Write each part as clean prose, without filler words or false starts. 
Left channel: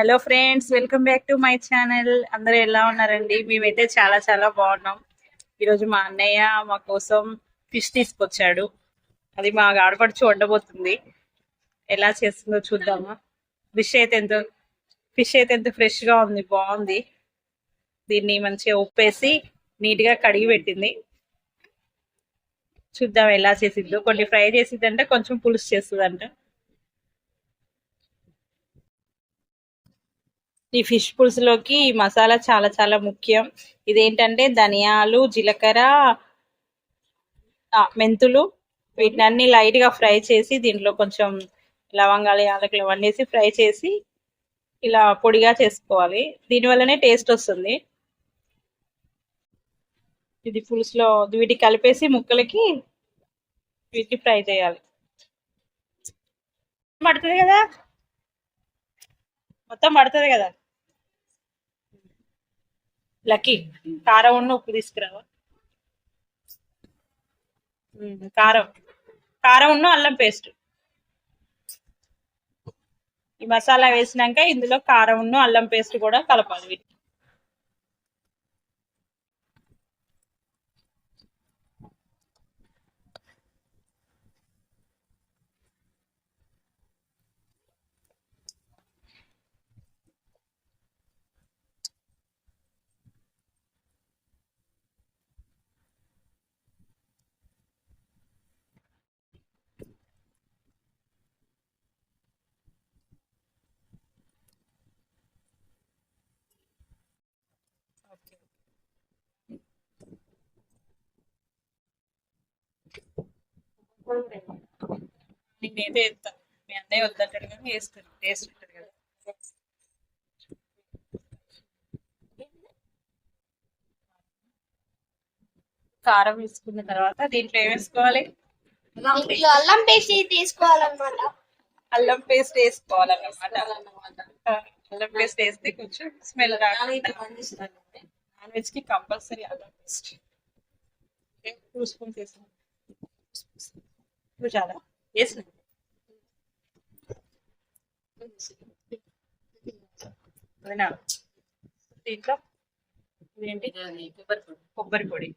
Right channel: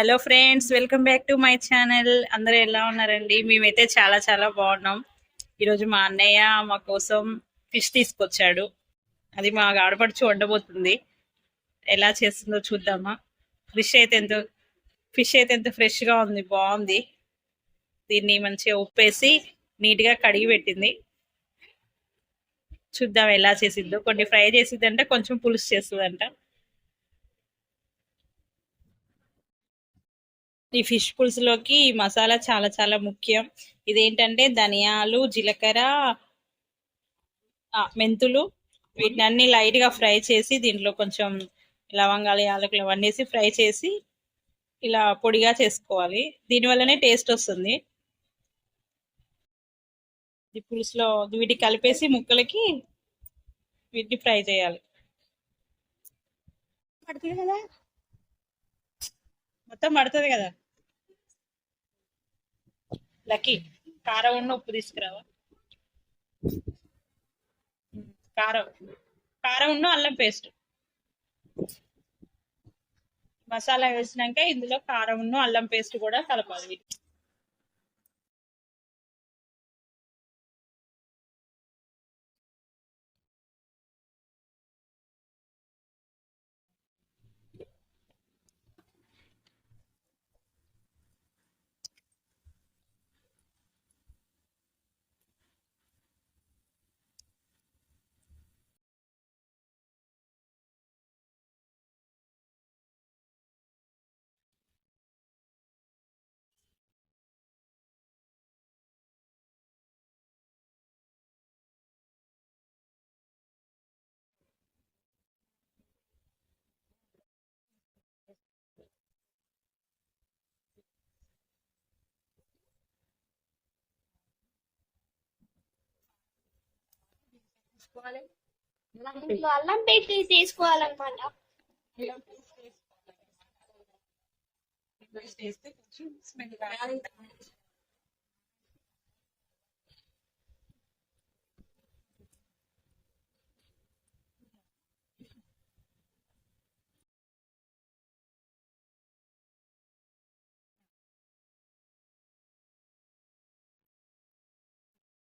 Hello friends, welcome back to my channel. అందరూ ఎలా ఉన్నారండి? మేమైతే చాలా చాలా బాగున్నాం. ఈరోజు మా అన్నయ్య మా కోసం ఫిష్ తీసుకొచ్చాడు. అది మా ఆడపడుచు వండబోతుంది. ఎలా చేస్తుందో చూద్దామా. ఫిష్ అయితే ఎంత ఫిష్ అయితే ఎంత ఫ్రెష్గా ఉంది, బాగుంది. దీన్ని మంచిగా ఉప్పేసి నీట్గా కడిగి పెట్టింది. చూద్దాం ఎలా చేసిద్దో. కొన్ని ఫ్రై చేసిద్దంట, కొంచెం పులుసు చేస్తుందంట. ఈ ఫిష్ పులుసులోకి ఈ మసాలా చాలా చాలా ముఖ్యం. ఇదేంటంటే ధనియాలు, జీలకర్ర, మెంతులు, వీటిని అన్ని లైట్ గా ఫ్రై చేసి దీంట్లో కొంచెం లవంగాలు, యాలకులు వండేసి ఫ్రై చేసి ఇలా పొడిగా చేసుకోవాలి. దీనివల్లనే టేస్ట్ వస్తుంది. ఇది పులుసులో వీటికి కలిపేసి ముక్కలకి వీటిని ఫ్రై చేయాలి. పడుతుంది కదా, మొత్తం పడుతుంది కదా. లక్కీ, కారం ఉన్న ఉప్పు తీసుకురావా. కారం కారం ఉన్న అల్లం పేస్ట్. ఈ మసాలా వేసినాక ఇందులో కారం ఉన్న అల్లం పేస్ట్ కూడా కలపాలి. నేనైతే వేస్తాను, మీ అన్నయ్య వద్దంటాడు కానీ వేస్తాను. టేస్ట్ ఉంటుంది కదా. కారం వేసుకున్న తర్వాత దీంట్లో ఏం వేసుకోవాలి? అల్లం పేస్ట్ తీసుకోవాలన్నమాట. అల్లం పేస్ట్ వేసుకోవాలన్నమాట. అల్లం పేస్ట్ వేస్తే కొంచెం స్మెల్ రాకుండా. నాన్ వెజ్ కి కంపల్సరీ అల్లం పేస్ట్. 2 స్పూన్స్ వేసాను. చాలా వేసిన దీంట్లో ఏంటి, కొబ్బరి పొడి.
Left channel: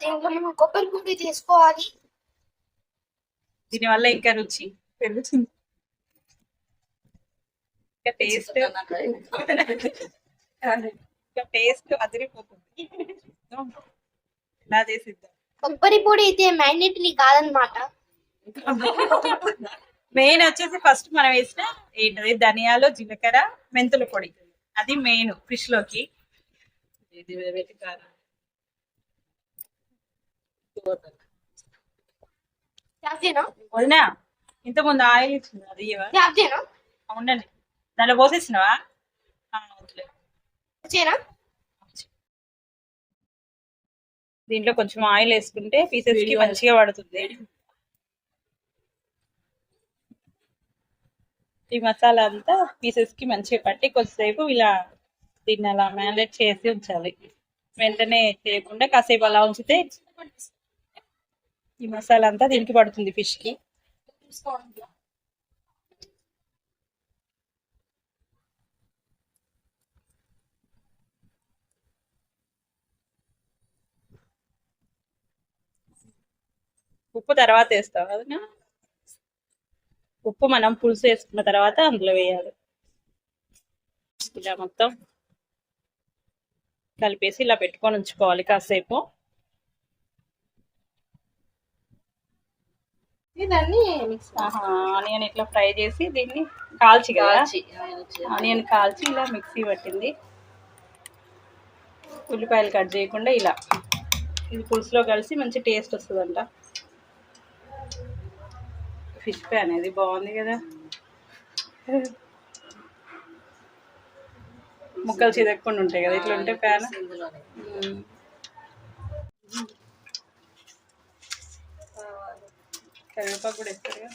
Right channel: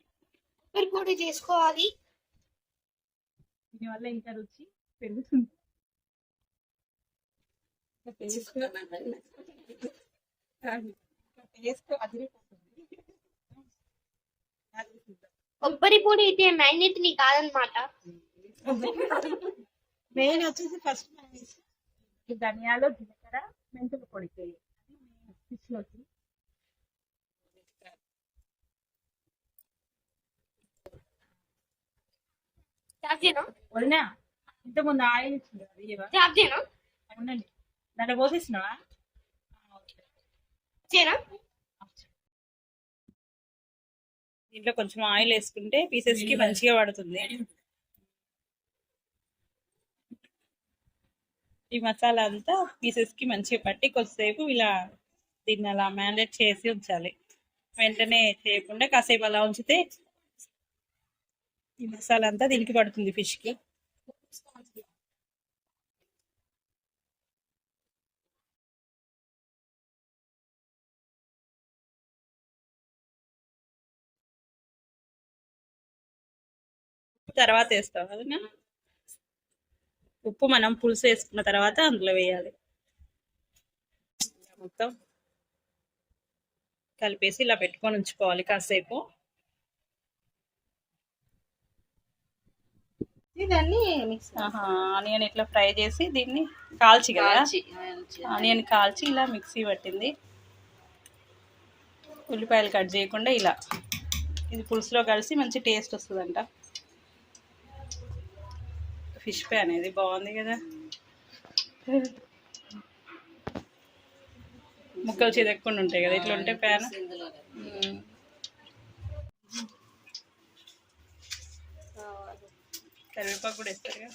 దీంట్లో మనం కొబ్బరి పొడి తీసుకోవాలి. దీనివల్ల ఇంకా రుచి పెరుగుతుంది, ఇంకా టేస్ట్ అదిరిపోతుంది. ఎలా చేసిద్దాం. కొబ్బరి పొడి అయితే మ్యాగ్నెట్లీ కాదనమాట. మెయిన్ వచ్చేసి ఫస్ట్ మనం వేసిన ఏంటది, ధనియాలు, జీలకర్ర, మెంతుల పొడి. అది మెయిన్ ఫిష్ లోకి. వదినా, ఇంత ముందు ఆయిల్ ఇచ్చింది, అది ఉండండి. దాంట్లో పోసేసినవా? దీంట్లో కొంచెం ఆయిల్ వేసుకుంటే పీసెస్ కి మంచిగా పడుతుంది. ఈ మసాలా అంతా పీసెస్ కి మంచిగా పట్టి కొద్దిసేపు ఇలా దీన్ని అలా మ్యారినేట్ చేసి ఉంచాలి. వెంటనే చేయకుండా కాసేపు అలా ఉంచితే ఈ మసాలా అంతా దీనికి పడుతుంది ఫిష్ కి. ఉప్పు తర్వాత వేస్తాం కదా. ఉప్పు మనం పులుసు వేసుకున్న తర్వాత అందులో వేయాలి. ఇలా మొత్తం కలిపేసి ఇలా పెట్టుకొని ఉంచుకోవాలి కాసేపు. ఆనియన్ ఇట్లా ఫ్రై చేసి దీన్ని కాల్చి కదా, ఆనియన్ కాల్చి ఇలా మిక్సీ పట్టింది. ఉల్లిపాయలు కట్ చేయకుండా ఇలా ఇది పులుసులో కలిసి మంచి టేస్ట్ వస్తుందంట. ఫిష్ ప్యాన్ అనేది బాగుంది కదా, ముక్కలు చెదక్కుండా ఉంటాయి కదా ఇట్లా ఉంటే ప్యాన్. కరివేపాకు కూడా వేస్తారు కదా.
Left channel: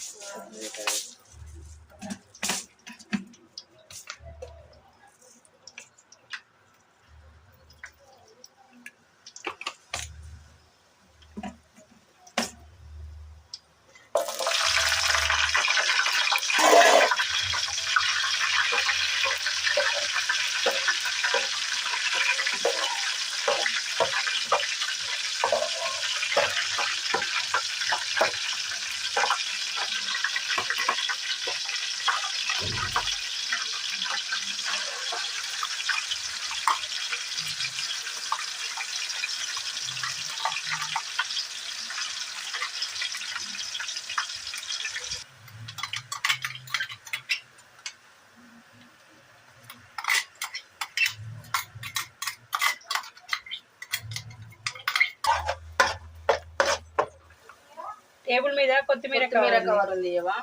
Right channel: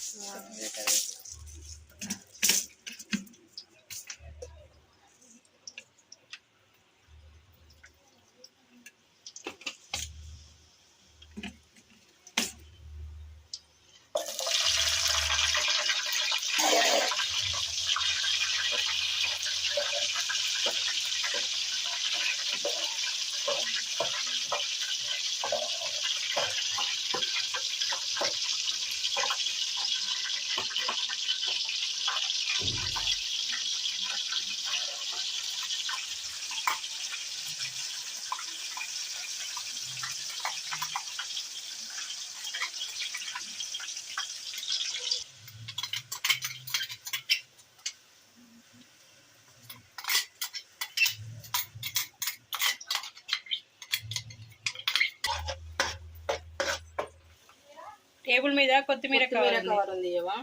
టేబుల్ మీద కొత్తిమీర కవర్ ఉంది ఇవ్వవా?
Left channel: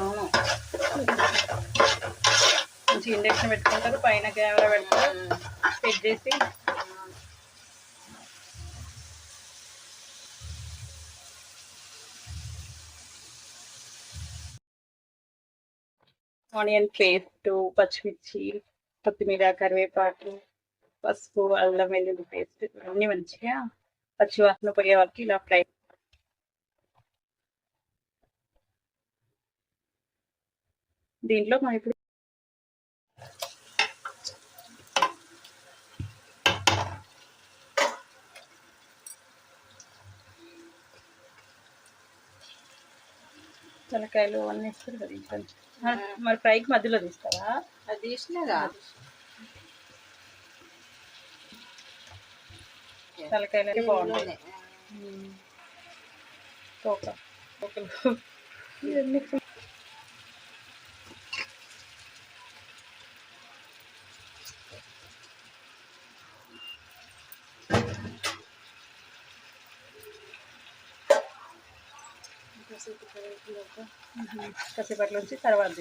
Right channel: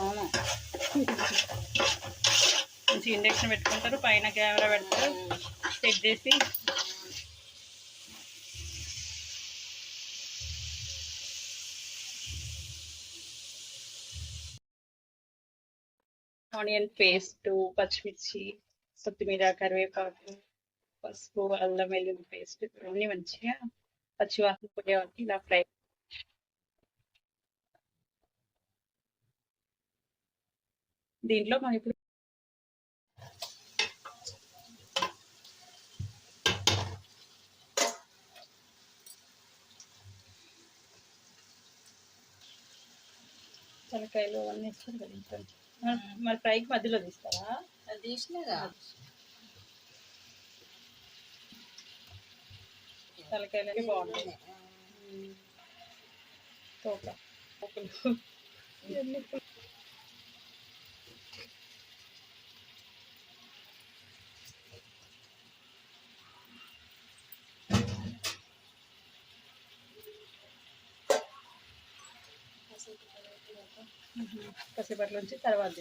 అవును, మంచి ఇండక్షన్ పెట్టుకుంటారు, పైన కెమెరా పెడతారు, సెట్ చేసి ఆనియన్ పేస్ట్, పచ్చిమిర్చి, కొత్తిమీర, కరివేపాకు, పసుపు, అల్లం వెల్లుల్లి పేస్ట్ అన్నీ మంచిగా పచ్చి వాసన పోయే వరకు ఇలా ఫ్రై. దీంట్లో మనం ఇప్పుడు తలకాయలు అన్నీ ఇస్తారు కదా ఇంకా. మరి ఫ్రైకి మధ్యలో తీస్తారా? అది తీసినాగా తలకాయలు అయితే బాగుంటాయి. కసేపట్లో నుంచి తర్వాత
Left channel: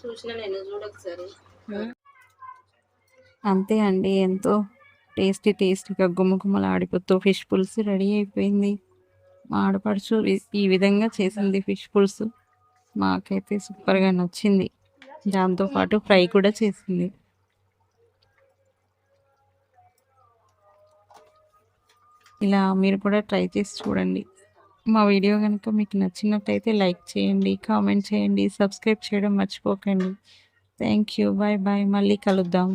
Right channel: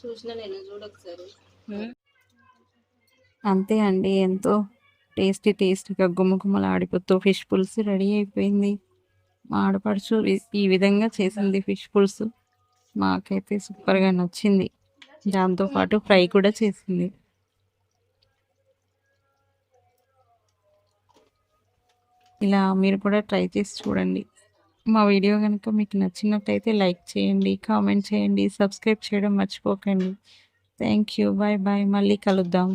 చూసిన నేను చూడొకసారి. అంతే అండి, ఎంతో టేస్టీగా గుమ్మగుమ్మలాడిపోతూ ఫిష్ పులుసు రెడీ అయిపోయింది. మా ఆడపడుచు ఈ విధంగా చేసింది ఫిష్ పులుసు. మాకైతే సూపర్గా నచ్చింది. దాంతోపాటు ఫ్రై కూడా చేసింది. ఇలా మీరు కూడా ట్రై చేసి చూడండి. మా వీడియో కనుక మీకు నచ్చినట్టయితే లైక్ చేయండి, కామెంట్ చేయండి, సబ్స్క్రైబ్ చేయడం మర్చిపోకండి. థ్యాంక్ యూ, బాయ్ బాయ్, మళ్ళీ కలుద్దాం.